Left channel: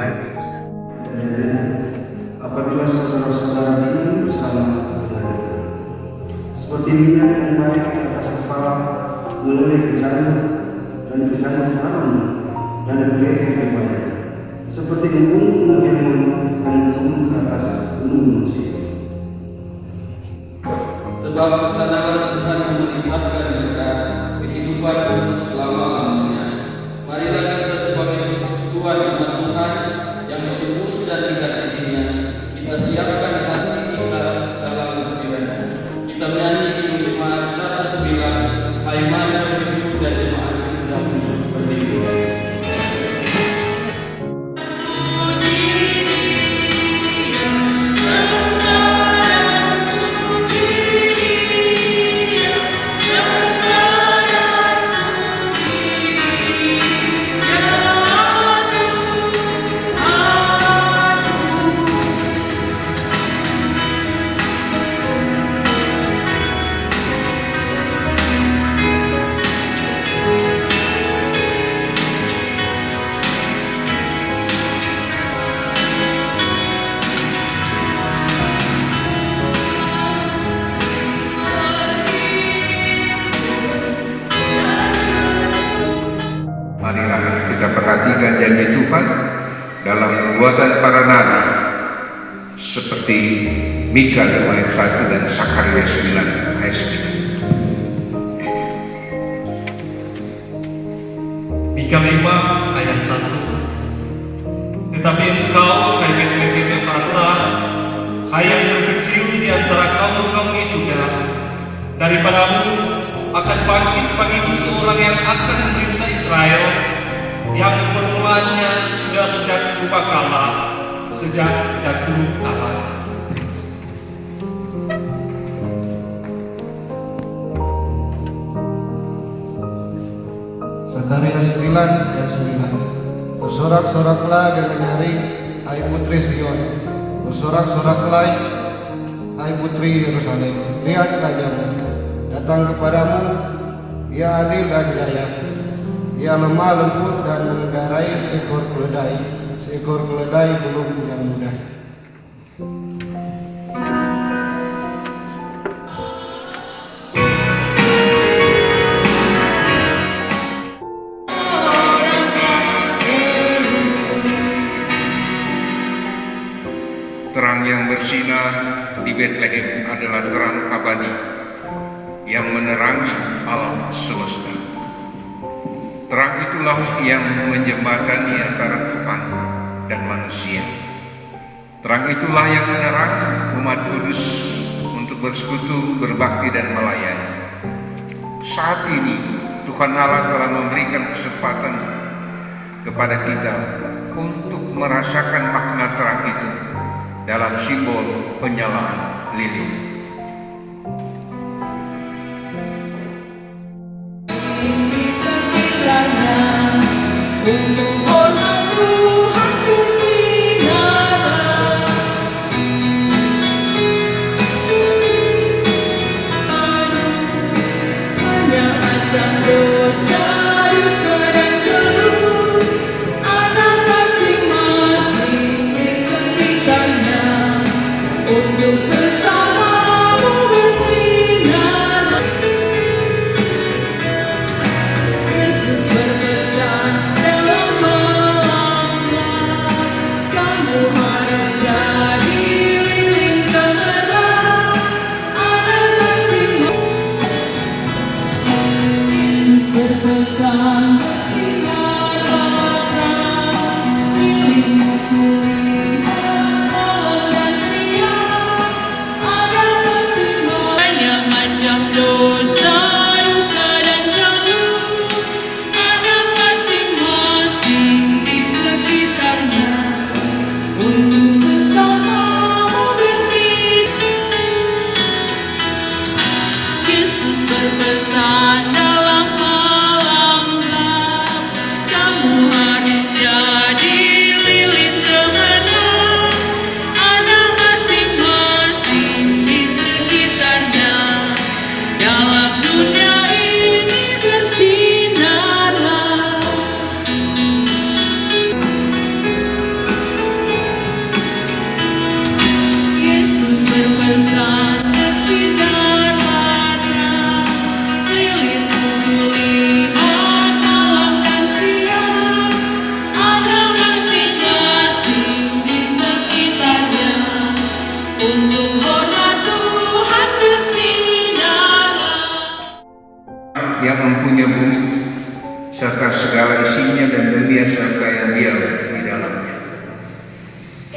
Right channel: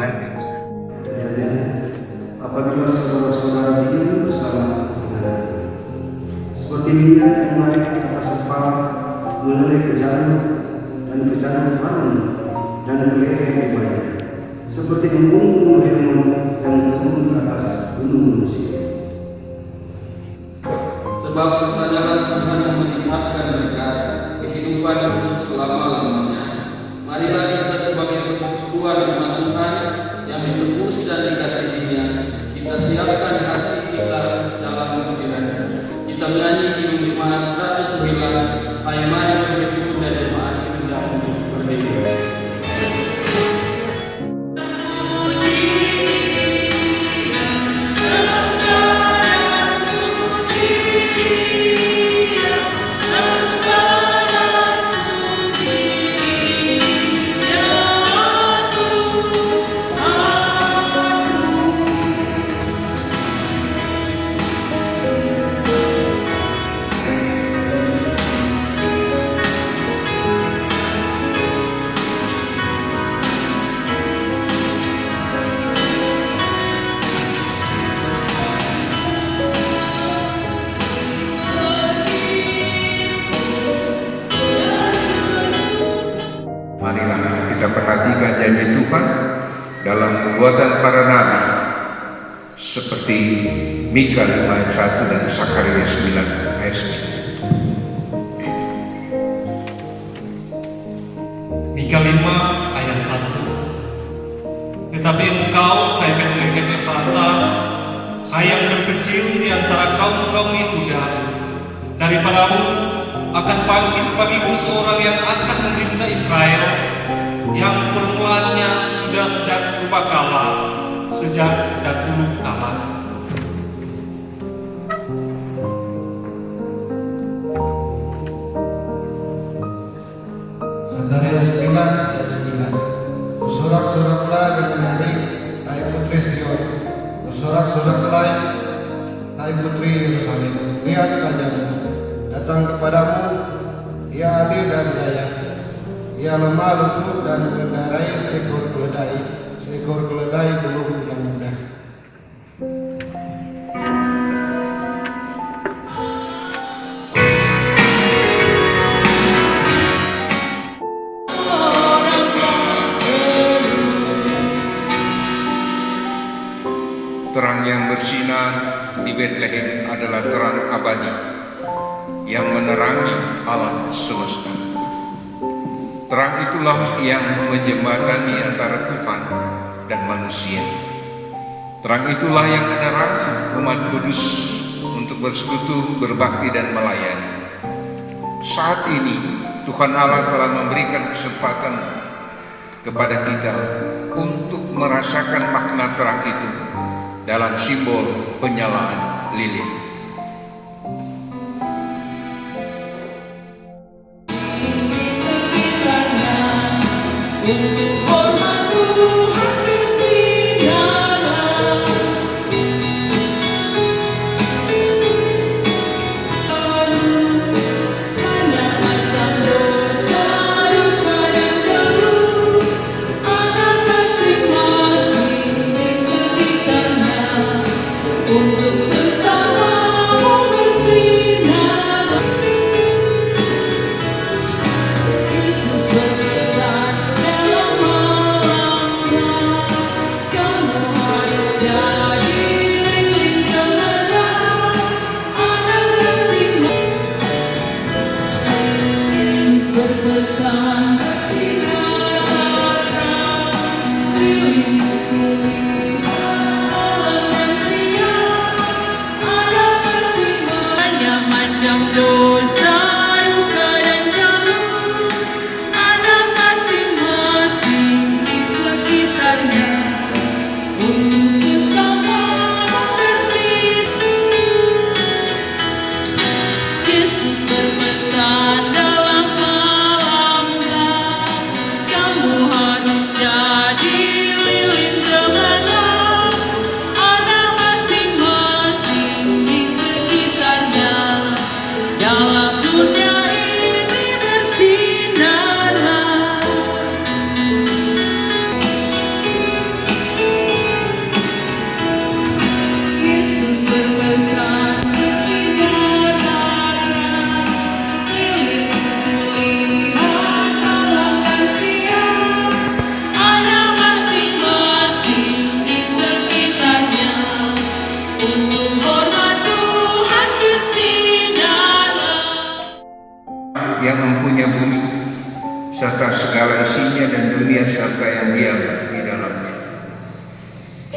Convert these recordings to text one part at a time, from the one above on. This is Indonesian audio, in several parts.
keluarga, Ustaz. Apabila saudara-saudara dini bersama dengan seperti minyak yang baik di atas kepala mulai ke jantung dan ke jantung Harun dan ke leher yang baik, seperti embun Hermon yang turun ke atas gunung Mesir. Sebab kesadaran Tuhan yang meningkatkan mereka kehidupan untuk selama-lamanya. Marilah kita sebagai persekutuan umat Tuhan yang ditebus dan dikasihinya, kita siapkan hati kita dalam pikiran. Kita menyanyi di jemaat 109, Hai mari berdiri, dan jemaat kita berdiri. Marilah kita perhatikan janji Tuhan dalam perbuatan para nabi seperti Mika 5 ayat 1 dan Sakaria 9 ayat 1. Mika 5 ayat 1. Tetapi engkau, hai Betlehem Efrata, hai yang terkecil di antara kaum-kaum Yehuda, daripadamu akan bangkit bagimu seorang yang akan memerintah Israel, yang permulaannya sudah sejak purbakala, sejak dahulu kala. Sakaria 9 ayat 9. Bersorak-soraklah dengan nyaring, hai putri Sion. Bersorak-soraklah, hai putri Yerusalem. Lihat rajamu datang kepadamu, ia adil dan jaya. Ia lemah lembut dan mengendarai seekor keledai belum yang muda. Terang yang bersinar di Bethlehem adalah terang abadi yang menerangi alam semesta. Terang itulah yang menjembatani antara Tuhan dan manusia. Terang itulah yang menerangi umat kudus untuk bersekutu, berbakti dan melayani. Saat ini Tuhan Allah telah memberikan kesempatan kepada kita untuk merasakan makna terang itu dalam simbol penyalaan lilin. Untuk sesama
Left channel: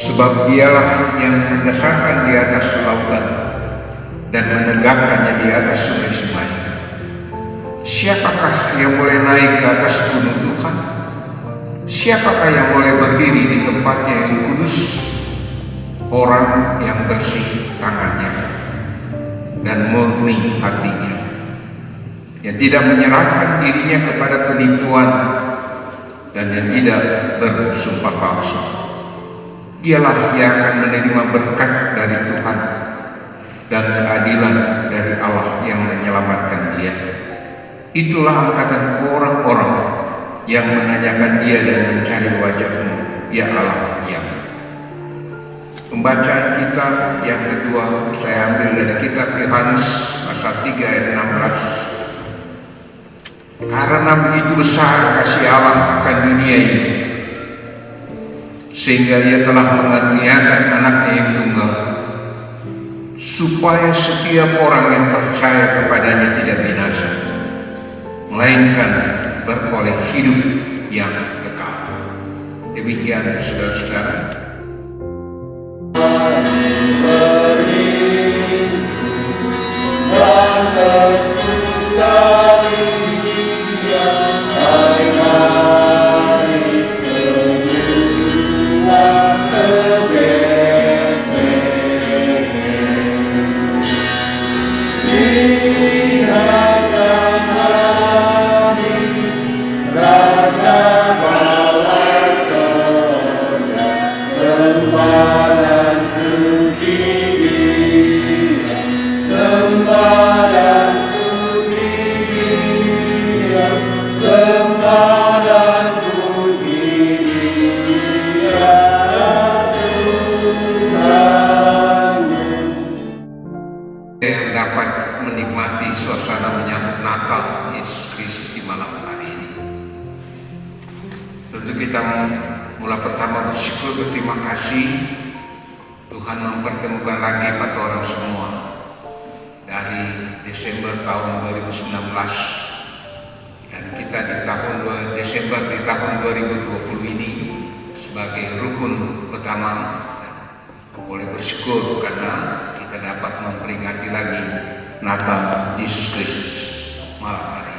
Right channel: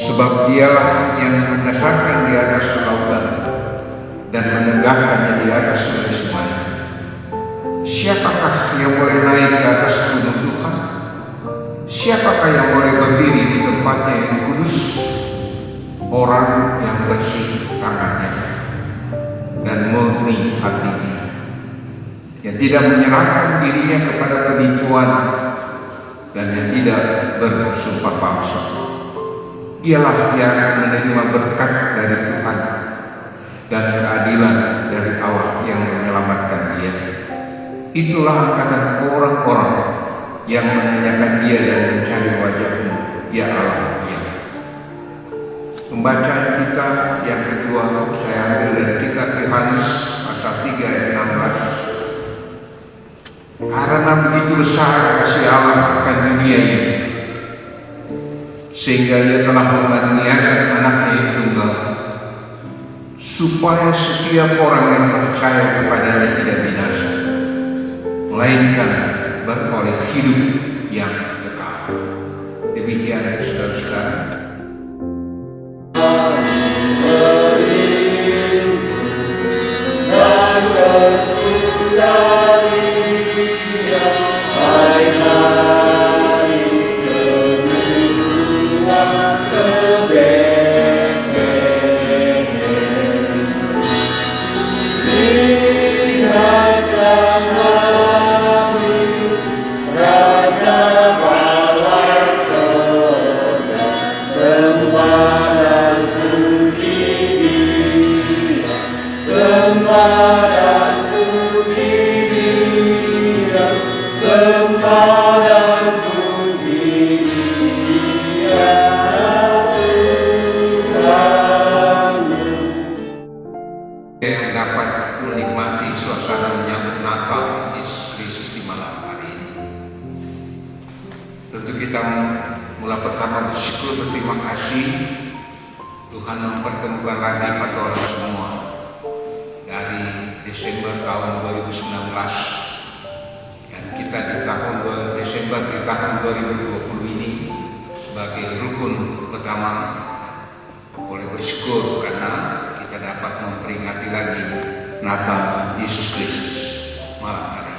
Sebab dialah yang mendasarkan di atas lautan dan menegakkannya di atas sungai-sungai. Siapakah yang boleh naik ke atas gunung Tuhan? Siapakah yang boleh berdiri di tempatnya yang kudus? Orang yang bersih tangannya dan murni hatinya, yang tidak menyerahkan dirinya kepada penipuan dan yang tidak bersumpah palsu. Dialah yang akan menerima berkat dari Tuhan dan keadilan dari Allah yang menyelamatkan dia. Itulah angkatan orang-orang yang menanyakan dia dan mencari wajah-Mu, ya Allah, ya. Pembacaan kita yang kedua saya ambil dari kitab Yohanes pasal 3 ayat 16. Karena begitu besar kasih Allah akan dunia ini, sehingga Ia telah mengaruniakan anaknya yang tunggal, supaya setiap orang yang percaya kepadanya tidak binasa, melainkan beroleh hidup yang kekal. Demikian saudara-saudara. Yang dapat menikmati suasana menyambut Natal Yesus Kristus di malam hari ini. Tentu kita mula pertama bersyukur, berterima kasih Tuhan mempertemukan lagi pada orang semua dari Desember tahun 2019, dan kita di Desember di tahun 2020 ini sebagai rukun pertama boleh bersyukur karena kita dapat memperingati lagi Natal Yesus Kristus malam hari.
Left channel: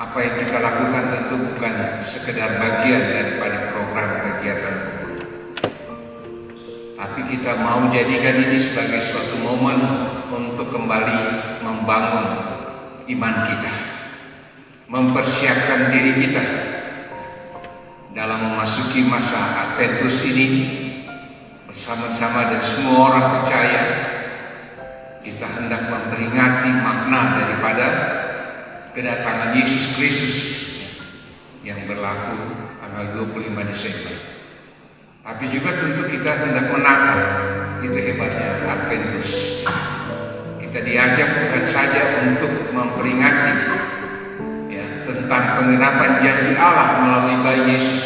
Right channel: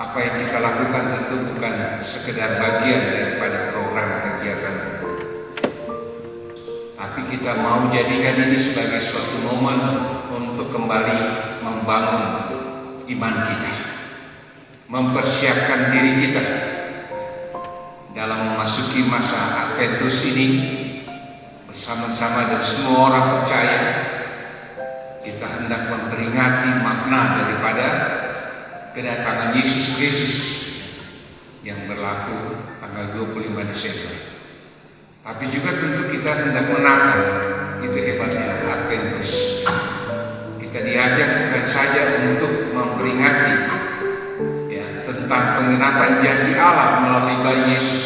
Apa yang kita lakukan tentu bukan sekedar bagian daripada program kegiatan, tapi kita mau jadikan ini sebagai suatu momen untuk kembali membangun iman kita, mempersiapkan diri kita dalam memasuki masa Adventus ini. Bersama-sama dan semua orang percaya, kita hendak memperingati makna daripada kedatangan Yesus Kristus yang berlaku tanggal 25 Desember. Tapi juga tentu kita hendak menatap, itu hebatnya Adventus. Kita diajak bukan saja untuk memperingati tentang penggenapan janji Allah melalui bayi Yesus,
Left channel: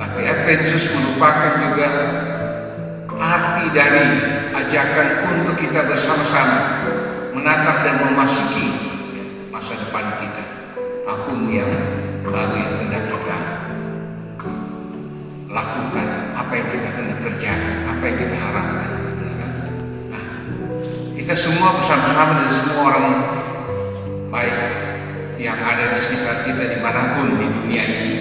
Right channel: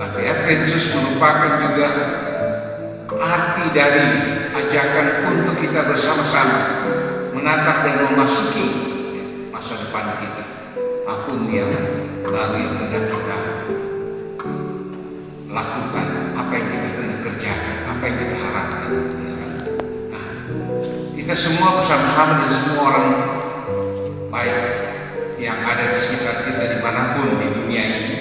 tapi Adventus merupakan juga arti dari ajakan untuk kita bersama-sama menatap dan memasuki masa depan kita, tahun yang baru yang hendak kita lakukan, apa yang kita hendak kerjakan, apa yang kita harapkan, ya kan? Nah, kita semua bersama-sama dan semua orang baik yang ada di sekitar kita dimanapun di dunia ini,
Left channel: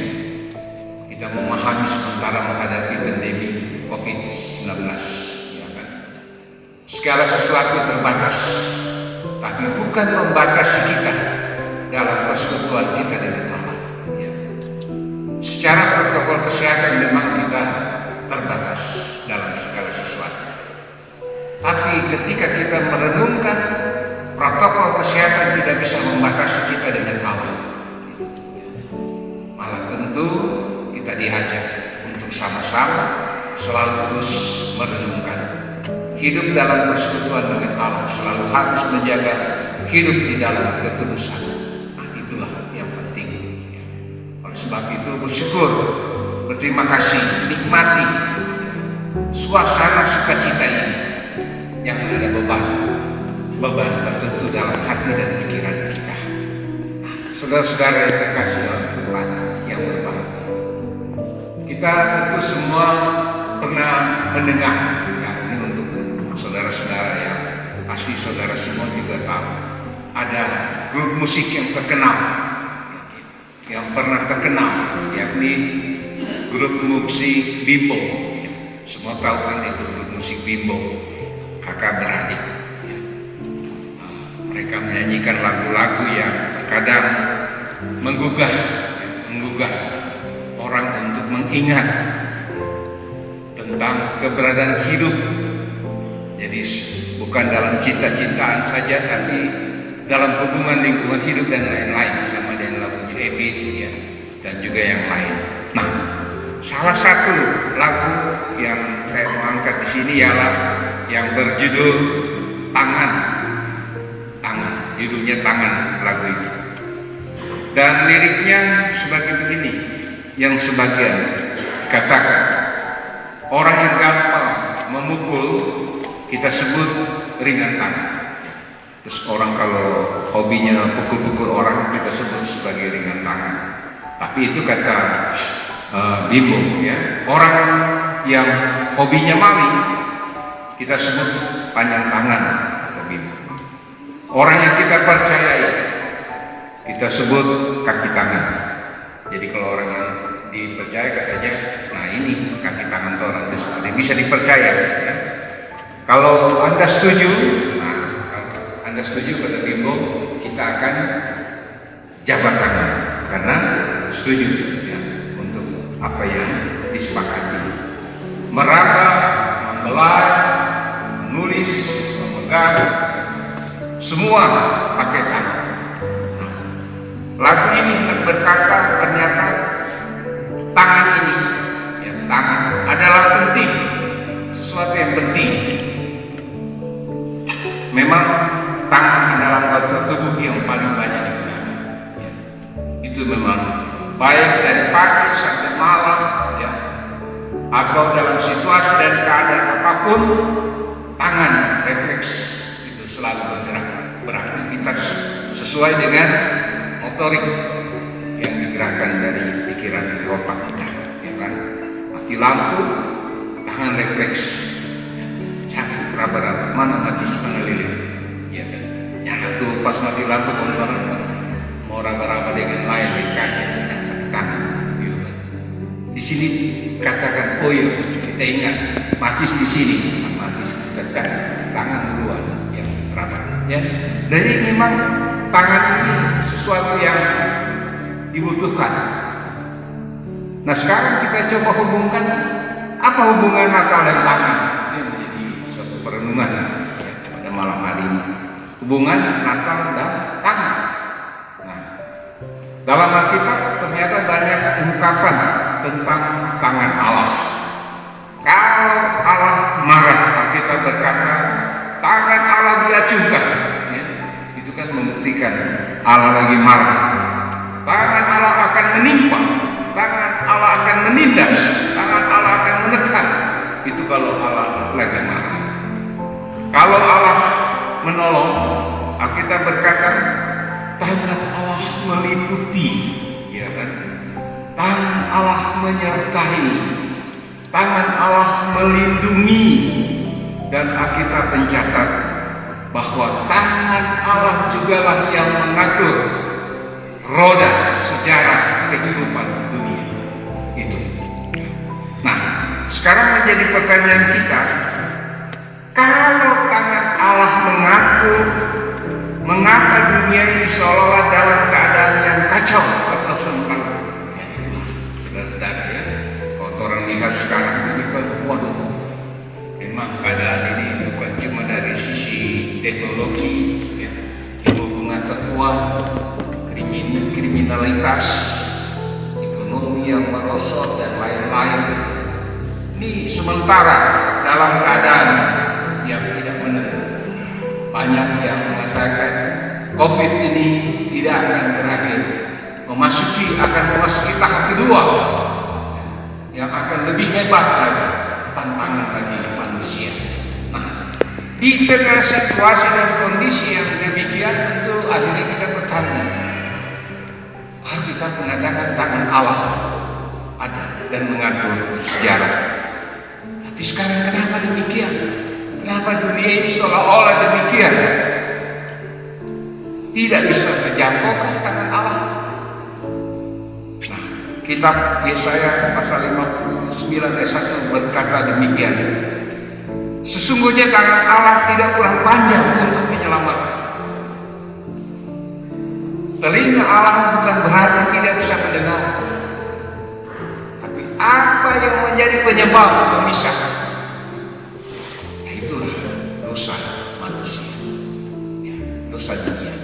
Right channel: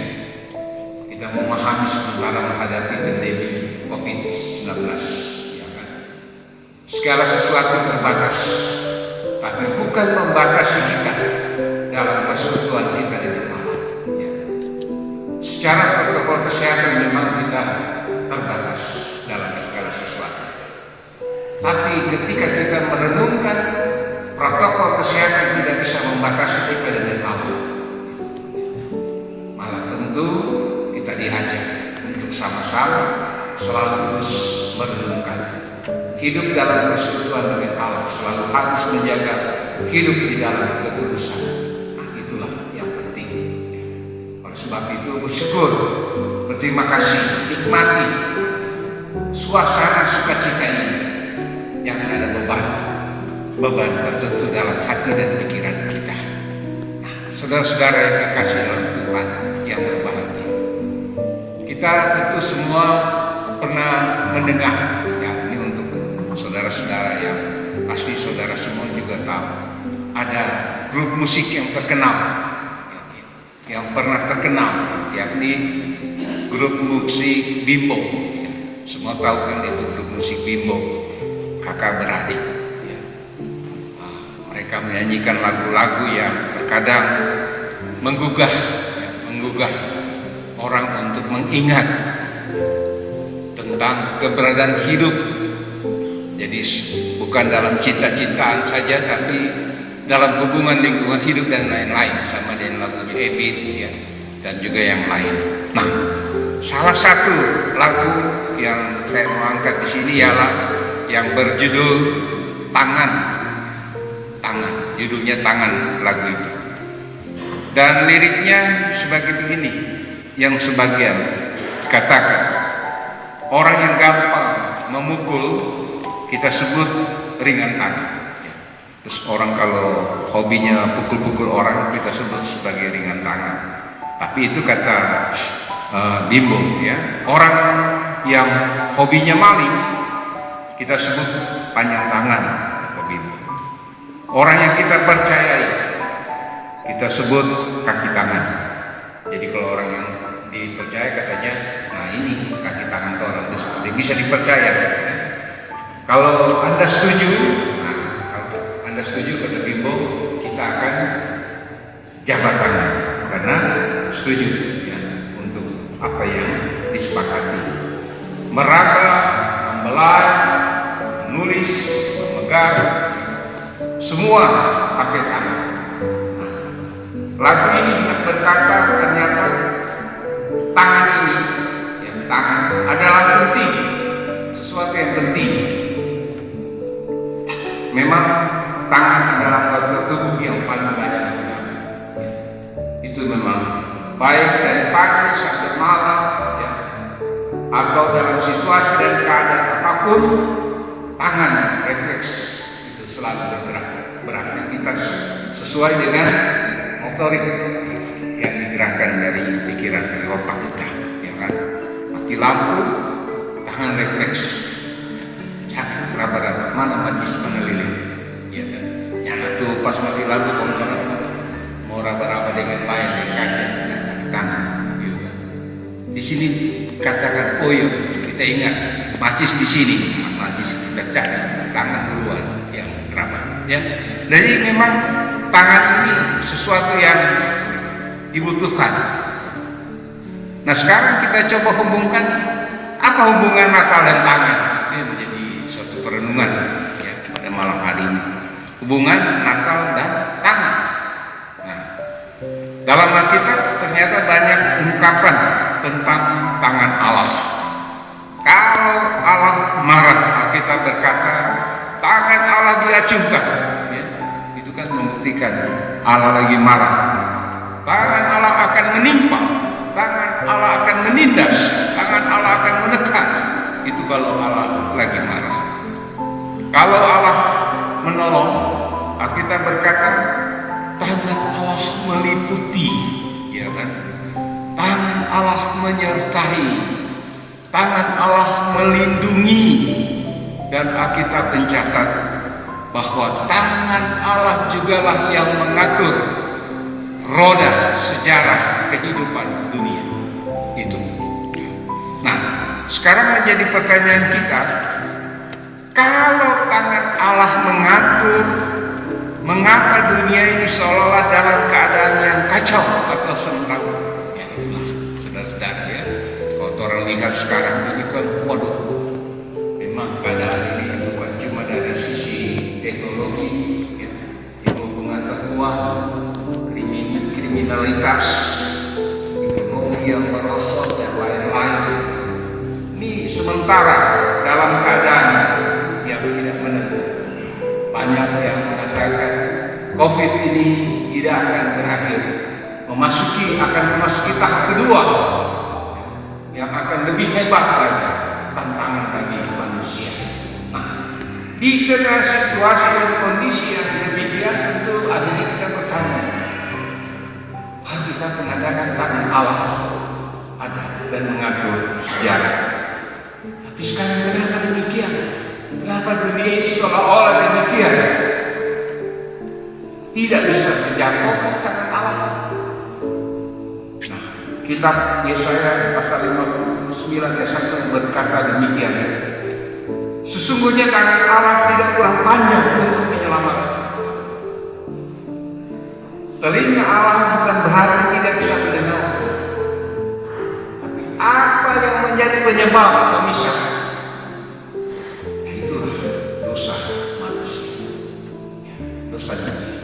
kita memahami sementara menghadapi pandemi COVID-19, ya kan? Segala sesuatu terbatas, tapi bukan membatasi kita dalam persekutuan kita dengan Allah. Ya. Secara protokol kesehatan memang kita terbatas dalam segala sesuatu, tapi ketika kita merenungkan protokol kesehatan tidak bisa membatasi kita dengan Allah, malah tentu kita diajak untuk sama-sama selalu terus merenungkan hidup dalam persekutuan dengan Allah, selalu harus menjaga hidup di dalam kekudusan. Nah, itulah yang penting. Oleh sebab itu bersyukur, berterima kasih, nikmati suasana sukacita ini yang ada beban tertentu dalam hati dan pikiran kita. Nah, saudara-saudara yang terkasih dalam Tuhan yang berbahagia, kita Kita tentu semua pernah mendengar, ya ini untuk saudara-saudara yang pasti saudara semua juga tahu, ada grup musik yang terkenal, yang pernah terkenal, yakni grup musik Bimbo. Semua tahu kan grup musik Bimbo, kakak beradik. Ya. Mereka menyanyikan lagu-lagu yang terkadang menggugah orang untuk mengingat tentang keberadaan hidup. Jadi bukan dalam cinta-cintaan saja, tapi dalam hubungan lingkungan hidup dan lain-lain, sama dengan lagunya Ebit ya, dan juga yang lain. Nah, salah satu lagu yang saya mau angkat di sini ialah yang berjudul Tangan. Judulnya Tangan lagu itu. Dan liriknya sebagai begini, yang sebagian dikatakan orang yang gampang memukul kita sebut ringan tangan. Terus orang kalau hobinya pukul-pukul orang kita sebut sebagai ringan tangan. Tapi itu kata Bimbo ya. Orang yang hobinya maling kita sebut panjang tangan, kata Bimbo. Orang yang kita percayai kita sebut kaki tangan. Jadi kalau orang yang dipercaya katanya, nah ini kaki tangan tuh orang dia bisa dipercaya. Ya. Kalau Anda setuju, kata Bimbo, kita akan jabat tangan karena setuju ya, untuk apa yang disepakati. Meraba, membelai, menulis, memegang, semua pakai tangan. Nah, lagu ini berkata ternyata tangan ini, ya, tangan adalah penting, sesuatu yang penting. Memang tangan adalah anggota tubuh yang paling banyak digunakan. Ya. Itu memang baik dari pagi sampai malam, ya, atau dalam situasi dan keadaan apapun, tangan refleks itu selalu bergerak, beraktivitas sesuai dengan motorik yang digerakkan dari pikiran, dari otak kita, ya kan? Mati lampu, tangan refleks. Raba-raba, mana mati mana lilin, ya kan? Jangan tuh pas mati lampu kalau orang mau raba-raba dengan lain di kaki, kaki tangan, gitu kan? Di sini katakan, oh iya, kita ingat, matis di sini, matis kita cari tangan duluan yang raba, ya. Jadi memang tangan ini sesuatu yang dibutuhkan. Nah sekarang kita coba hubungkan apa hubungan Natal dan tangan. Itu yang menjadi suatu perenungan ya, pada malam hari ini. Hubungan Natal dan tangan. Nah, dalam Alkitab ternyata banyak ungkapan tentang tangan Allah. Kalau Allah marah, Alkitab berkata tangan Allah diacungkan. Ya, itu kan membuktikan Allah lagi marah. Tangan Allah akan menimpa, tangan Allah akan menindas, tangan Allah akan menekan. Itu kalau Allah lagi marah. Kalau Allah menolong, Alkitab berkata tangan Allah meliputi, ya kan? Tangan Allah menyertai, tangan Allah melindungi, dan Alkitab mencatat bahwa tangan Allah jugalah yang mengatur roda sejarah kehidupan dunia itu. Nah, sekarang menjadi pertanyaan kita, kalau tangan Allah mengatur, mengapa dunia ini seolah-olah dalam keadaan yang kacau atau semrawut? Ya itulah, saudara-saudara ya. Kalau orang lihat sekarang ini kan, waduh, memang keadaan ini bukan cuma dari sisi teknologi, ya, hubungan terkuat, kriminalitas, ekonomi yang merosot dan lain-lain. Ini sementara dalam keadaan yang tidak menentu. Banyak yang mengatakan COVID ini tidak akan berakhir, akan memasuki tahap kedua yang akan lebih hebat lagi, tantangan bagi manusia. Nah, di tengah situasi dan kondisi yang demikian, tentu akhirnya kita bertanya, Alkitab mengatakan tangan Allah ada. dan mengatur sejarah. Tapi sekarang kenapa demikian? Kenapa dunia ini seolah-olah demikian? Tidak bisa terjangkau ke tangan Allah. Nah, kitab Yesaya pasal 59 ayat 1 berkata demikian. Sesungguhnya tangan Allah tidak kurang panjang untuk menyelamatkan. Telinga Allah bukan berarti tidak bisa mendengar. Tapi apa yang menjadi penyebab pemisah? Itulah dosa manusia, dosa dunia.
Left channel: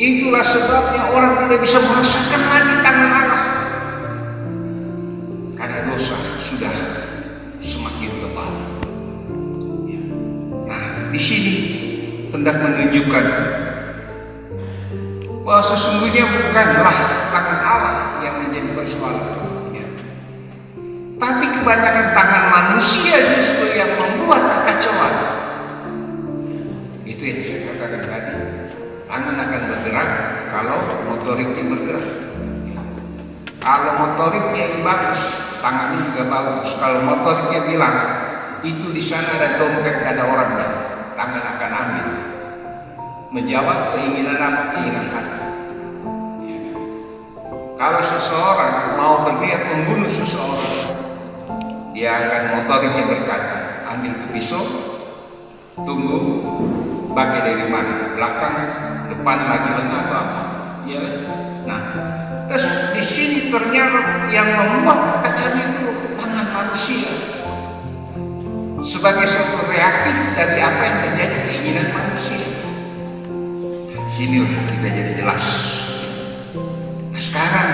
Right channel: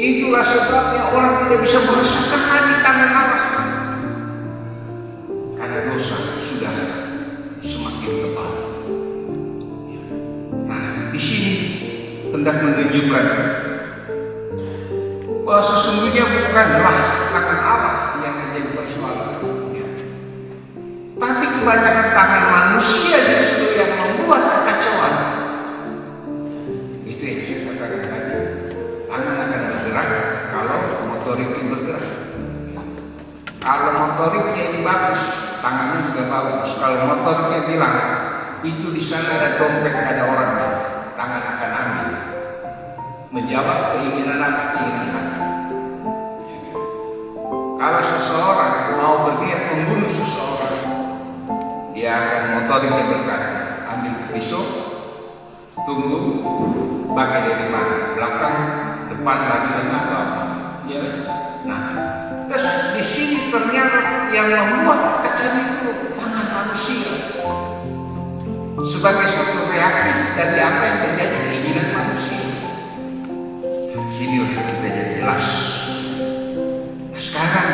Itulah sebabnya orang tidak bisa merasakan lagi tangan Allah, karena dosa sudah semakin tebal. Nah, di sini hendak menunjukkan bahwa sesungguhnya bukanlah tangan Allah yang menjadi persoalan, tapi kebanyakan tangan manusia justru yang membuat kekacauan. Itu yang saya katakan tadi. Tangan akan bergerak kalau motoriknya bergerak. Kalau motoriknya yang bagus, tangannya juga bagus. Kalau motoriknya bilang itu di sana ada dompet, nggak ada orangnya, tangan akan ambil, menjawab keinginan apa? Keinginan hati. Kalau seseorang mau berniat membunuh seseorang, dia akan motoriknya berkata, ambil tuh pisau, tunggu pakai dari mana, belakang, depan lagi lengah atau apa, ya kan? Nah, terus di sini ternyata yang membuat kekacauan itu tangan manusia sebagai suatu reaktif dari apa yang menjadi keinginan manusia. Nah, sinilah kita jadi jelas. Nah, sekarang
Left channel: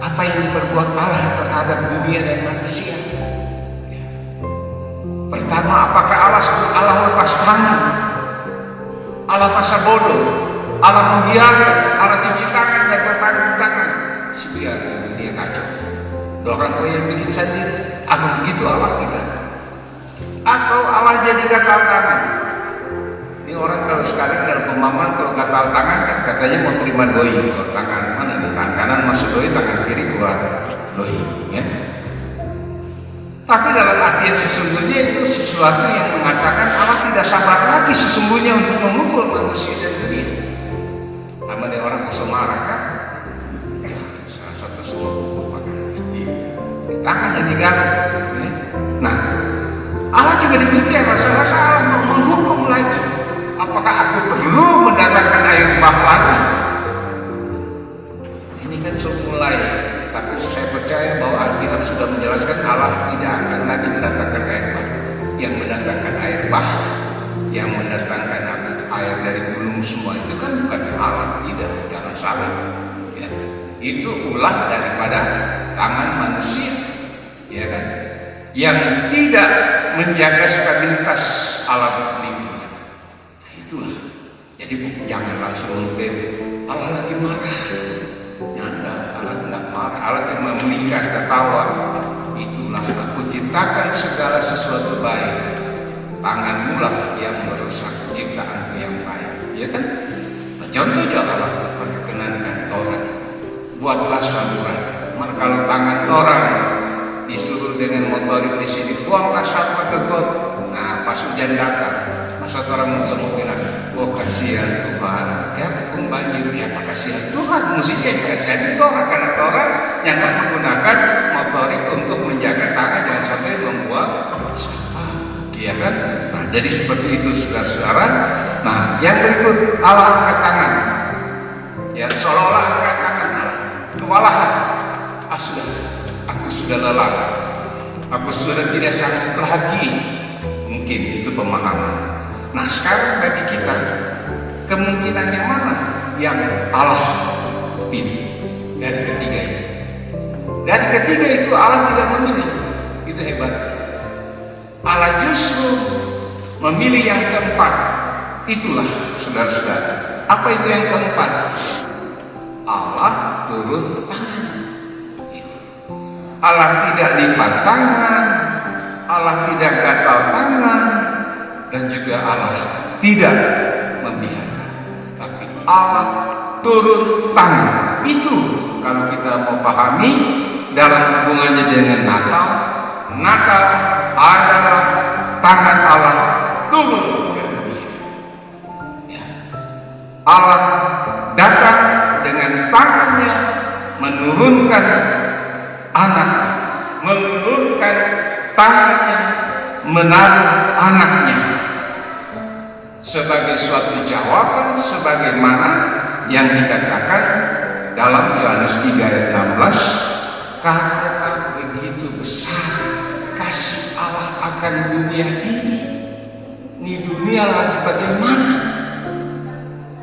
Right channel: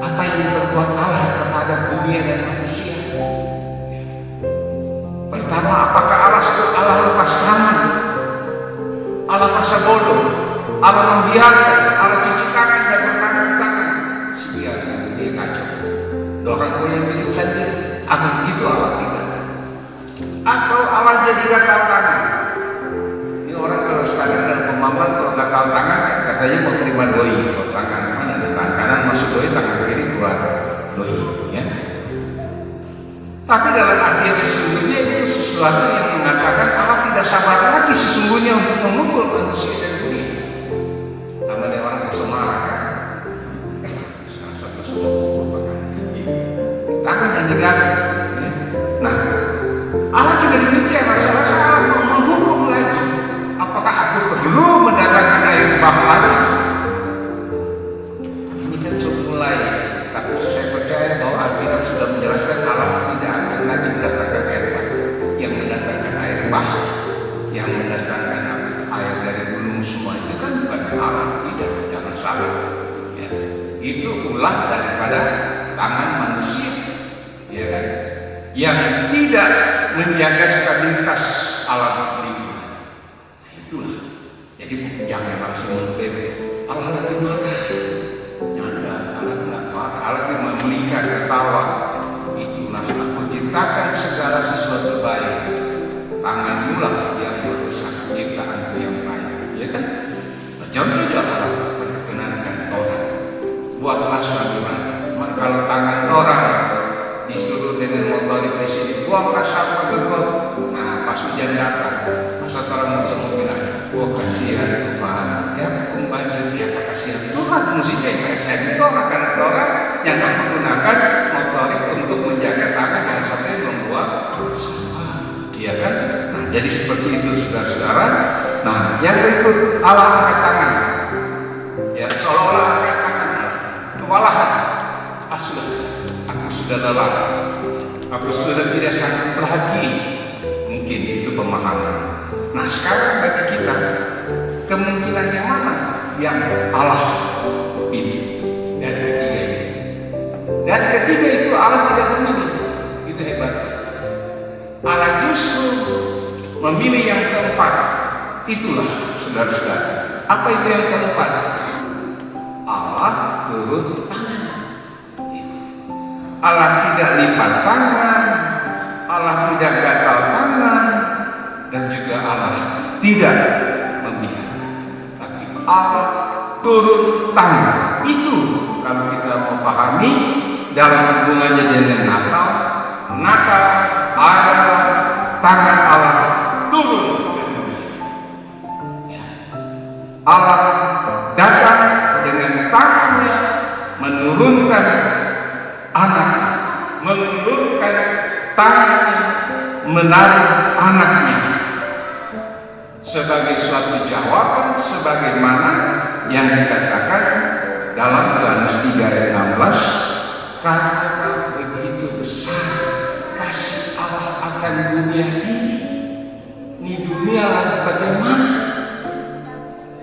apa yang diperbuat Allah terhadap dunia dan manusia? Pertama, apakah Allah lepas tangan? Allah masa bodoh, Allah membiarkan, Allah cuci tangan dan bertangan di tangan, biar dia kacau. Orang tua yang bikin sendiri, apa begitu Allah kita? Atau Allah jadi gatal tangan? Ini orang kalau sekarang dalam pemahaman kalau gatal tangan kan katanya mau terima doi. Kalau tangan mana nih? Tangan kanan masuk doi, tangan kiri keluar doi, ya. Tapi dalam artian sesungguhnya itu sesuatu yang mengatakan Allah tidak sabar lagi sesungguhnya untuk memukul manusia dan dunia. Sama dengan orang ke Semarang kan, salah satu semua pukul pakai tangan yang digaruk. Ya. Nah, Allah juga demikian. Rasa-rasa Allah mau menghukum lagi. Apakah aku perlu mendatangkan air bah lagi? Ini kan sudah mulai. Tapi saya percaya bahwa Alkitab sudah menjelaskan Allah tidak akan lagi mendatangkan air bah. Yang mendatangkan air bah, yang mendatangkan air dari gunung semua itu kan bukan Allah, tidak, jangan salah. Ya. Itu ulah daripada tangan manusia, ya kan? Yang tidak menjaga stabilitas alam lingkungan. Nah, itulah. Jadi jangan langsung mengklaim Allah lagi marah. Allah tidak marah, Allah cuma melihat ketawa. Itulah aku ciptakan segala sesuatu baik. Tanganmu lah yang merusak ciptaanku yang baik, ya kan? Nah, contoh Allah perkenankan Taurat, buatlah saluran. Maka kalau tangan orang disuruh dengan motorik di sini, buanglah sampah ke got. Nah, pas hujan datang, masa orang semua bilang, oh kasihan Tuhan, kayak hukum banjir, ya apa kasihan Tuhan, mestinya kasihan itu orang, karena orang yang nggak menggunakan motorik untuk menjaga tangan jangan sampai membuang sampah, iya kan? Nah, jadi seperti itu saudara-saudara. Nah, yang berikut Allah angkat tangan, ya seolah-olah angkat tangan Allah, kewalahan, aku sudah lelah, aku sudah tidak sanggup lagi. Mungkin itu pemahaman. Nah, sekarang bagi kita kemungkinan yang mana yang Allah pilih dari ketiga itu? Dari ketiga itu Allah tidak memilih. Itu hebat. Allah justru memilih yang keempat. Itulah saudara-saudara. Apa itu yang keempat? Allah turun tangan. Itu. Allah tidak lipat tangan, Allah tidak gatal tangan, dan juga Allah tidak membiarkan, tapi Allah turun tangan. Itu kalau kita mau pahami dalam hubungannya dengan Natal. Natal adalah tangan Allah turun ke dunia. Ya. Allah datang dengan tangannya menurunkan anaknya, mengulurkan tangannya, menaruh anaknya sebagai suatu jawaban sebagaimana yang dikatakan dalam Yohanes 3 ayat 16, karena begitu besar kasih Allah akan dunia ini. Ini dunia lagi bagaimana?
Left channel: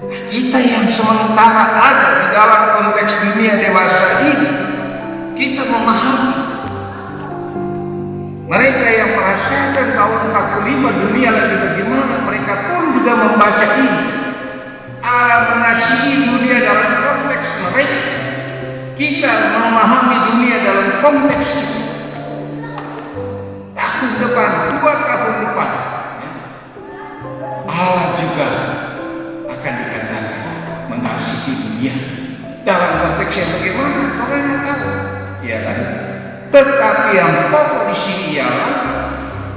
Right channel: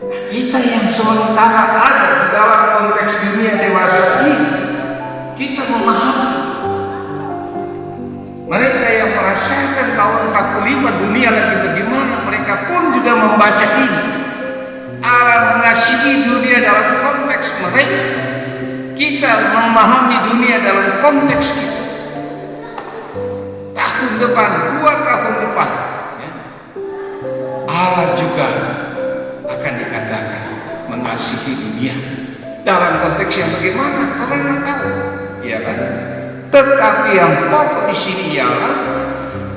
Nah, kita yang sementara ada di dalam konteks dunia dewasa ini, kita memahami. Mereka yang merasakan tahun 45 dunia lagi bagaimana, mereka pun juga membaca ini. Allah mengasihi dunia dalam konteks mereka. Kita memahami dunia dalam konteks kita. Tahun depan, 2 tahun depan, ya, Allah juga akan dikatakan mengasihi dunia dalam konteks yang bagaimana? Karena tahu, ya kan? Tetapi yang pokok di sini ialah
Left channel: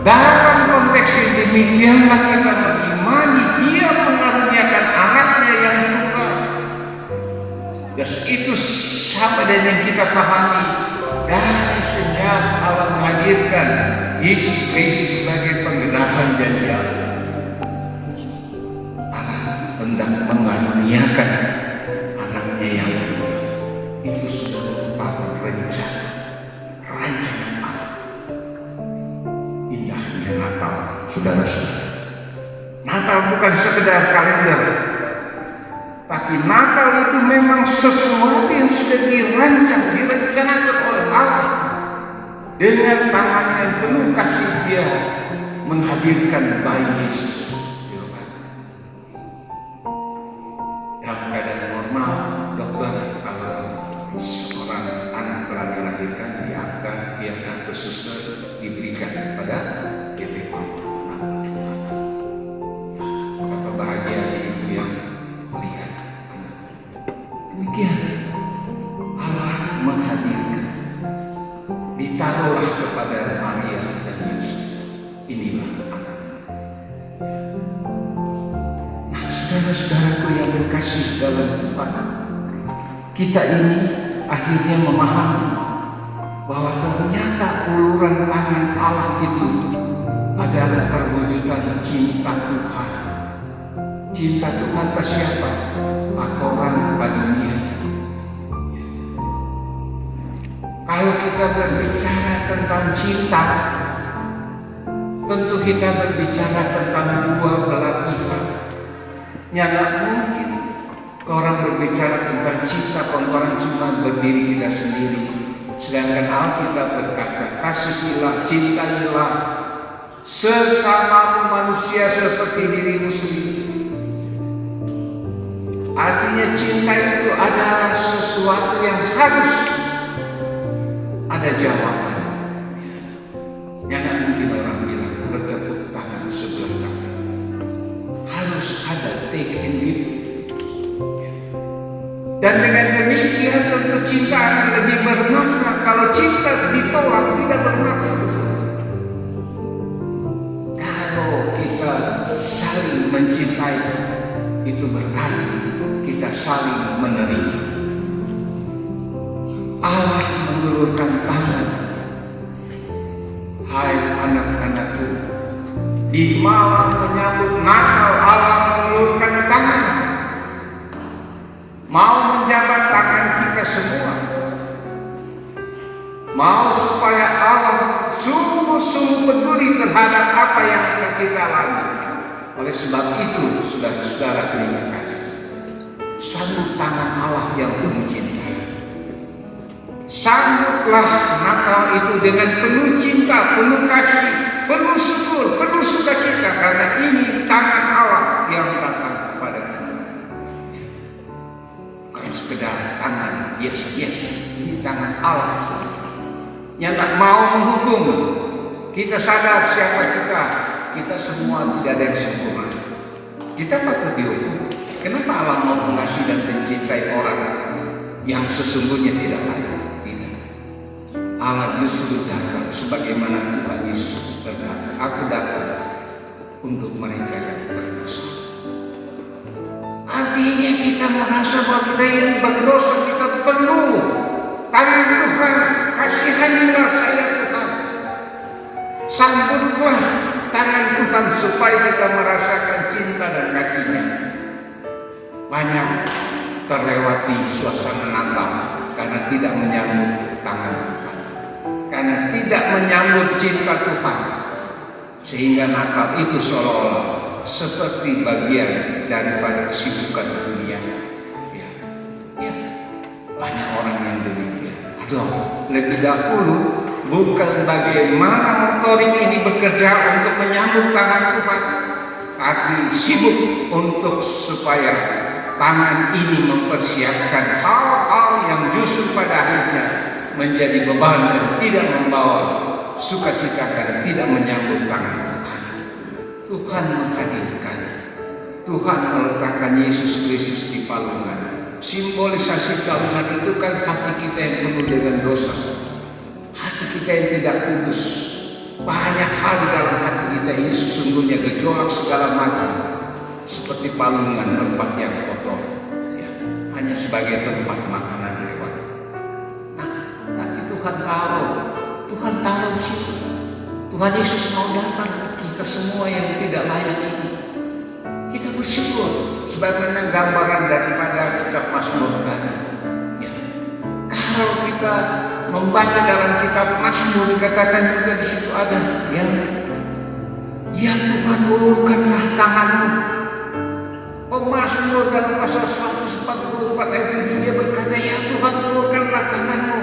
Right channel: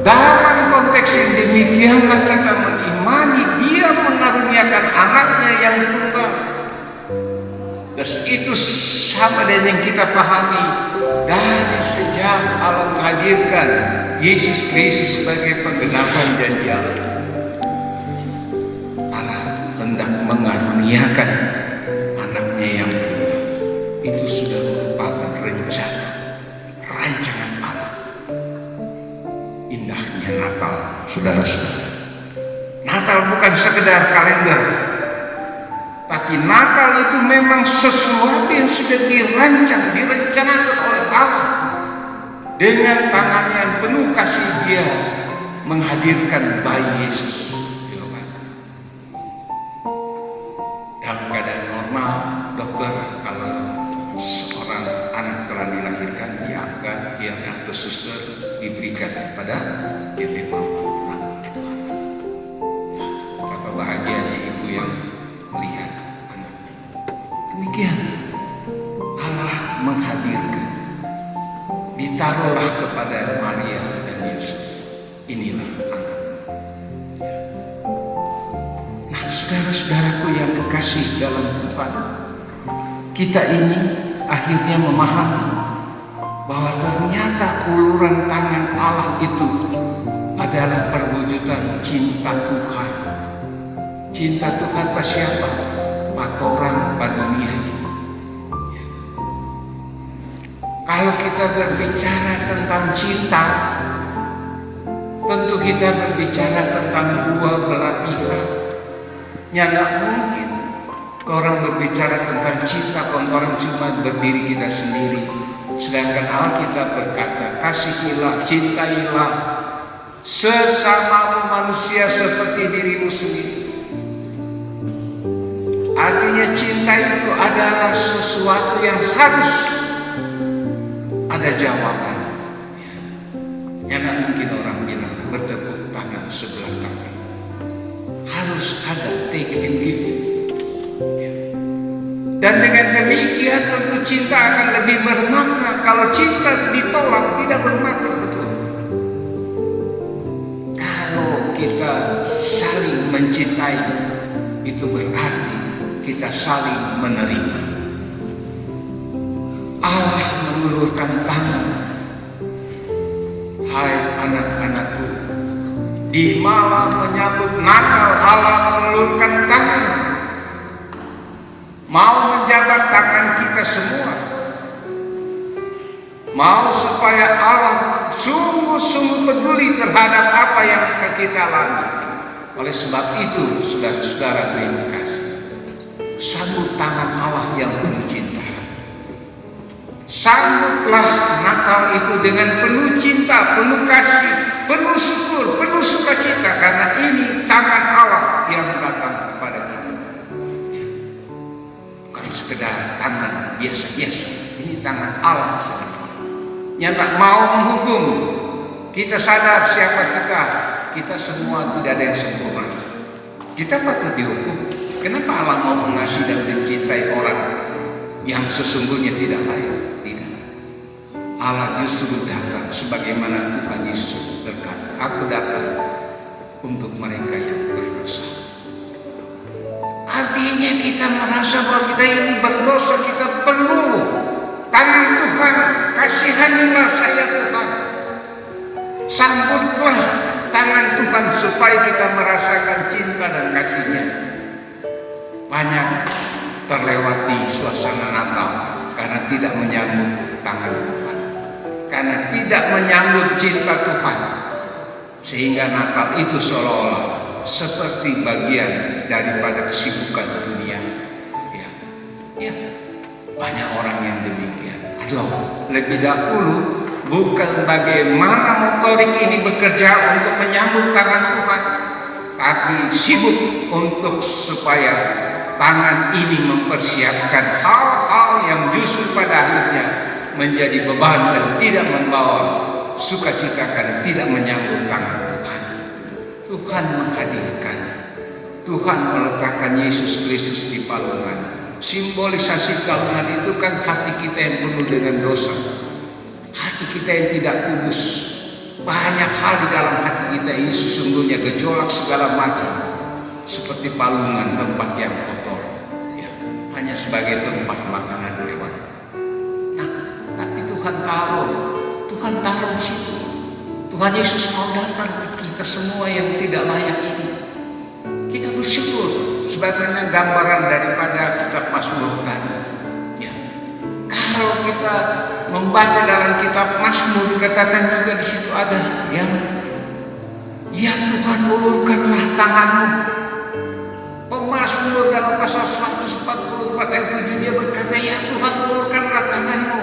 dalam konteks yang demikianlah kita mengimani Dia mengaruniakan anaknya yang tunggal. Dan itu sama dengan yang kita pahami dari sejak Allah menghadirkan Yesus Kristus sebagai penggenapan janji Allah. Allah hendak mengaruniakan anaknya yang tunggal. Itu sudah merupakan rencana Allah. Indahnya Natal, saudara-saudara. Natal bukan sekedar kalender, tapi Natal itu memang sesuatu yang sudah direncanakan oleh Allah. Dengan tangan yang penuh kasih Dia menghadirkan bayi Yesus. Dalam keadaan normal, dokter kalau seorang anak telah dilahirkan, diangkat, atau suster diberikan kepada ibu mama. Betapa bahagianya ibu yang melihat anaknya. Demikian Allah menghadirkan, ditaruhlah kepada Maria dan Yusuf. Inilah anakmu. Nah, saudara-saudaraku yang kekasih dalam Tuhan, kita ini akhirnya memahami bahwa ternyata uluran tangan Allah itu adalah perwujudan cinta Tuhan. Cinta Tuhan pada siapa? Pada orang, pada dunia. Kalau kita berbicara tentang cinta, tentu kita berbicara tentang dua belah pihak. Tidak mungkin orang berbicara tentang cinta kalau orang cuma berdiri kita sendiri. Sedangkan Alkitab berkata, kasihilah, cintailah sesama manusia seperti dirimu sendiri. Artinya cinta itu adalah sesuatu yang harus ada jawaban. Yang mungkin orang bilang bertepuk tangan sebelah tangan. Harus ada take and give. Dan dengan demikian tentu cinta akan lebih bermakna. Kalau cinta ditolak tidak bermakna, betul. Kalau kita saling mencintai, itu berarti kita saling menerima. Allah mengulurkan tangan. Hai anak-anakku, di malam menyambut Natal Allah mengulurkan tangan. Mau menjabat tangan kita semua. Mau supaya Allah sungguh-sungguh peduli terhadap apa yang kita lalui. Oleh sebab itu, saudara-saudara yang kasih, sambut tangan Allah yang penuh cinta. Sambutlah Natal itu dengan penuh cinta, penuh kasih, penuh syukur, penuh sukacita, karena ini tangan Allah yang datang kepada kita. Bukan sekedar tangan biasa-biasa, ini tangan Allah yang tak mau menghukum. Kita sadar siapa kita semua tidak ada yang sempurna. Kita patut dihukum. Kenapa Allah mau mengasihi dan mencintai orang yang sesungguhnya tidak layak? Tidak. Allah justru datang sebagaimana Tuhan Yesus berkata, aku datang untuk mereka yang berdosa. Artinya kita merasa bahwa kita ini berdosa, kita perlu tangan Tuhan, kasihanilah saya Tuhan. Sambutlah tangan Tuhan supaya kita merasakan cinta dan kasih-Nya. Banyak terlewati suasana Natal karena tidak menyambut tangan Tuhan, karena tidak menyambut cinta Tuhan, sehingga Natal itu seolah-olah seperti bagian daripada kesibukan dunia. Ya, banyak orang yang demikian. Lebih dahulu bukan bagaimana motorik ini bekerja untuk menyambut tangan Tuhan, tapi sibuk untuk supaya tangan ini mempersiapkan hal-hal yang justru pada akhirnya menjadi beban dan tidak membawa sukacita karena tidak menyambut tangan Tuhan. Tuhan menghadirkan, Tuhan meletakkan Yesus Kristus di palungan. Simbolisasi palungan itu kan hati kita yang penuh dengan dosa, hati kita yang tidak kudus. Banyak hal di dalam hati kita ini sesungguhnya gejolak segala macam, seperti palungan, tempat yang kotor, ya, hanya sebagai tempat makanan lewat. Nah, tapi Tuhan taruh di situ. Tuhan Yesus mau datang ke kita semua yang tidak layak ini. Kita bersyukur sebagaimana gambaran daripada kitab Mazmur tadi. Ya. Kalau kita membaca dalam kitab Mazmur, dikatakan juga di situ ada yang ya Tuhan, ulurkanlah tanganmu. Pemazmur dalam pasal 144 ayat 7 dia berkata, ya Tuhan, ulurkanlah tanganmu.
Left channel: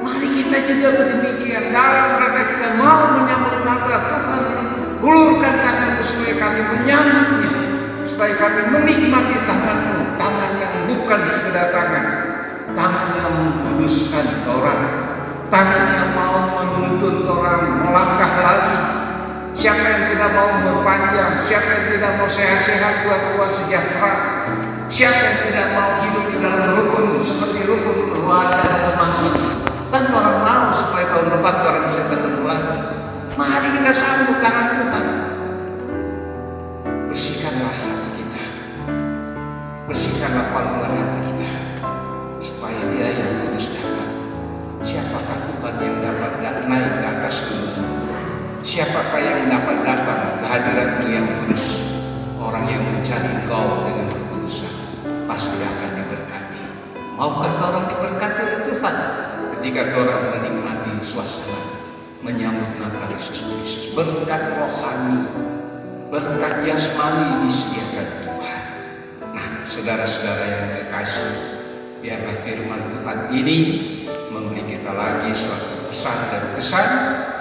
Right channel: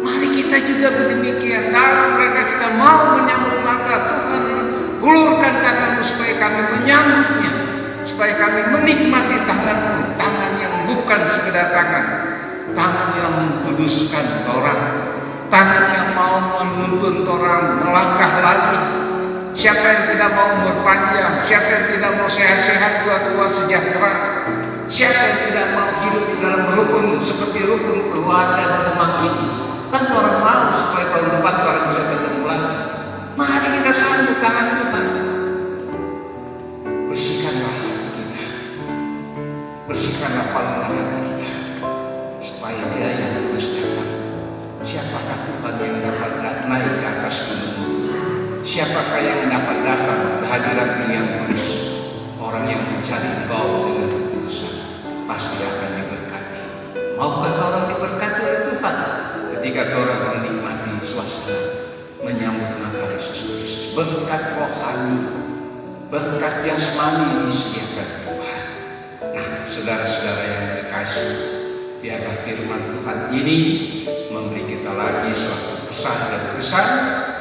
Mari kita juga berdemikian dalam rangka kita mau menyambut Natal. Tuhan, ulurkan tanganmu supaya kami menyambutnya, supaya kami menikmati tanganmu, tangan yang bukan sekedar tangan yang mengkuduskan orang, tangan yang mau menuntun orang melangkah lagi. Siapa yang tidak mau berpanjang, siapa yang tidak mau sehat-sehat, tua-tua sejahtera, siapa yang tidak mau hidup di dalam rukun seperti rukun keluarga dan teman ini. Kan orang mau supaya tahun depan orang bisa ketemu lagi. Mari kita sambut tangan Tuhan. Bersihkanlah hati kita, bersihkanlah palungan hati kita, supaya Dia yang kudus datang. Siapakah Tuhan yang dapat naik ke atas gunung? Siapakah yang dapat datang ke hadirat-Mu yang kudus? Orang yang mencari Engkau dengan kekudusan pasti akan diberkati. Maukah orang diberkati oleh Tuhan ketika orang menikmati suasana menyambut Natal Yesus Kristus? Berkat rohani, berkat jasmani disediakan Tuhan. Nah, saudara-saudara yang terkasih, biarlah firman Tuhan ini memberi kita lagi suatu pesan dan kesan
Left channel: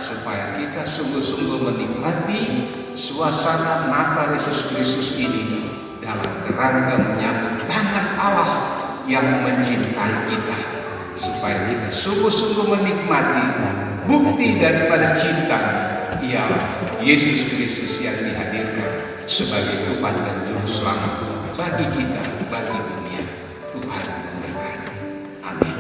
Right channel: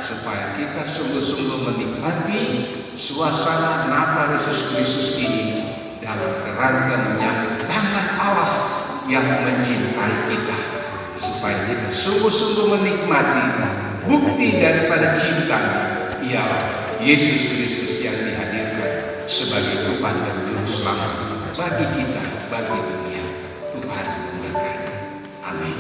supaya kita sungguh-sungguh menikmati suasana Natal Yesus Kristus ini dalam kerangka menyambut tangan Allah yang mencintai kita, supaya kita sungguh-sungguh menikmati bukti daripada cinta, ialah Yesus Kristus yang dihadirkan sebagai Tuhan dan Juru Selamat bagi kita, bagi dunia. Tuhan memberkati. Amin.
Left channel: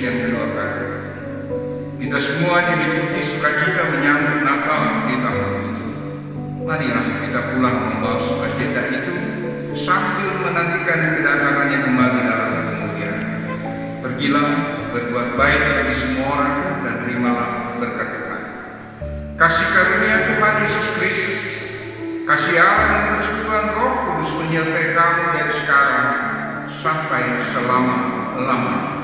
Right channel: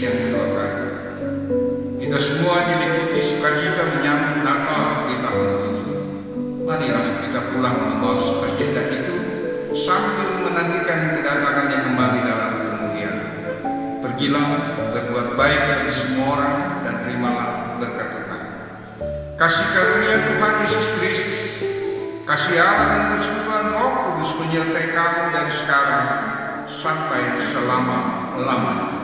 yang keluarga. Kita semua diliputi sukacita menyambut Natal di tahun ini. Marilah kita pulang membawa sukacita itu sambil menantikan kedatangannya kembali dalam kemuliaan. Pergilah, berbuat baik bagi semua orang, dan terimalah berkat Tuhan. Kasih karunia Tuhan Yesus Kristus, kasih Allah dan persekutuan Roh Kudus menyertai kamu dari sekarang sampai selama-lamanya.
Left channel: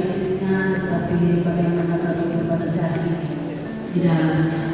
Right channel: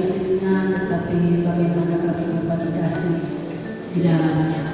Isinya, tetapi bagaimana kami bervalidasi di dalamnya.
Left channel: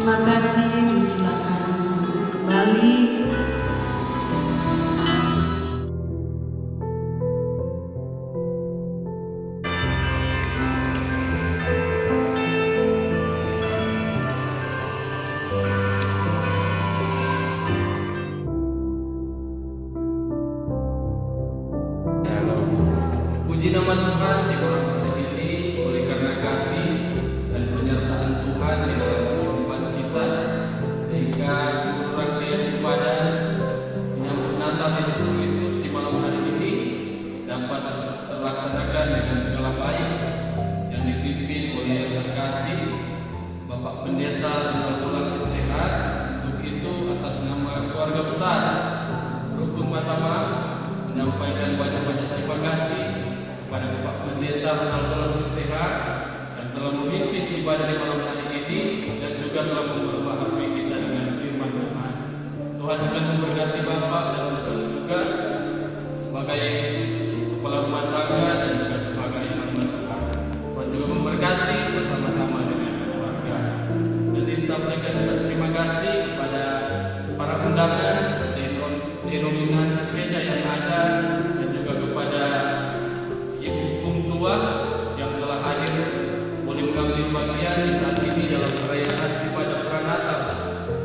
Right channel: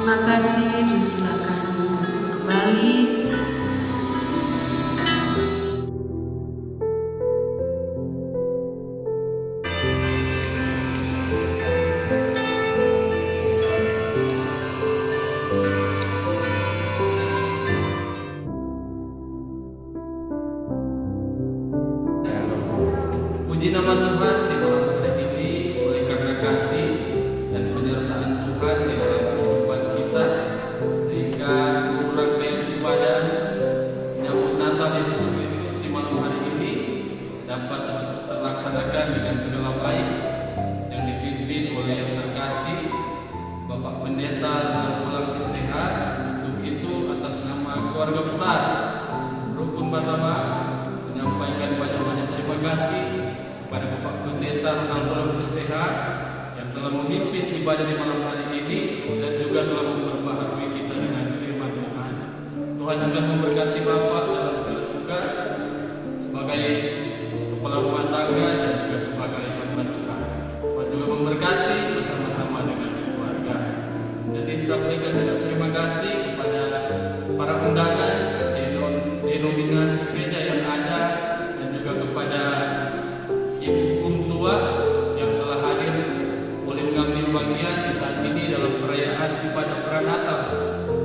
Terima kasih, disilakan kembali. Puji nama Tuhan di malam hari ini, oleh karena kasih dan penyertaan Tuhan di dalam kehidupan kita, sehingga seluruh rangkaian ibadah menyambut Natal Yesus Kristus di malam hari ini dapat terlaksanakan dengan segala baik, yang dipimpin oleh yang terkasih Bapak Pendeta Ronald STH. Untuk itu, atas nama keluarga besar Rukun Batama, menyampaikan banyak-banyak terima kasih kepada Bapak Pendeta Ronald STH yang telah memimpin ibadah di malam hari ini dan juga telah memperbaharui kita dengan firman Tuhan. Tuhan akan memberkati Bapak dalam segala tugas sebagai kepala rumah tangga dan juga sebagai hamba Tuhan. Tuhan juga memberkati bersama-sama dengan keluarga. Jadi sampaikan juga terima kasih kepada para undangan denominasi gereja yang ada, dan juga kepada ibu tua yang telah hadir boleh mengambil bagian di saat ini dalam perayaan ibadah Pranatal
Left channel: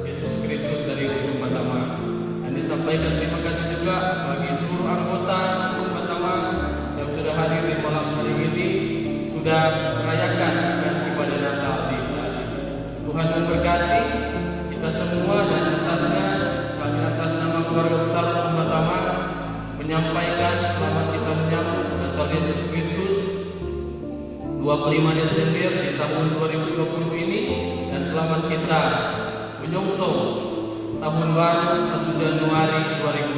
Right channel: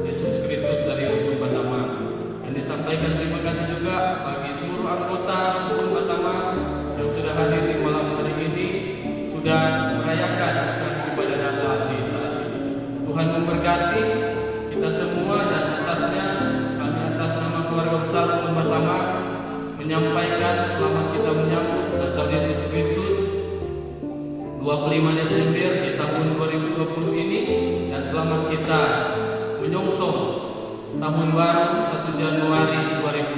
Yesus Kristus dari Rukun Batama. Dan disampaikan terima kasih juga bagi seluruh anggota Rukun Batama yang sudah hadir di malam hari ini, sudah merayakan ibadah Natal di saat ini. Tuhan memberkati kita semua, dan atasnya kami atas nama keluarga besar Rukun Batama menyampaikan selamat kita menyambut Natal Yesus Kristus 25 Desember di tahun 2020 ini, dan selamat kita menyongsong tahun baru 1 Januari 2021.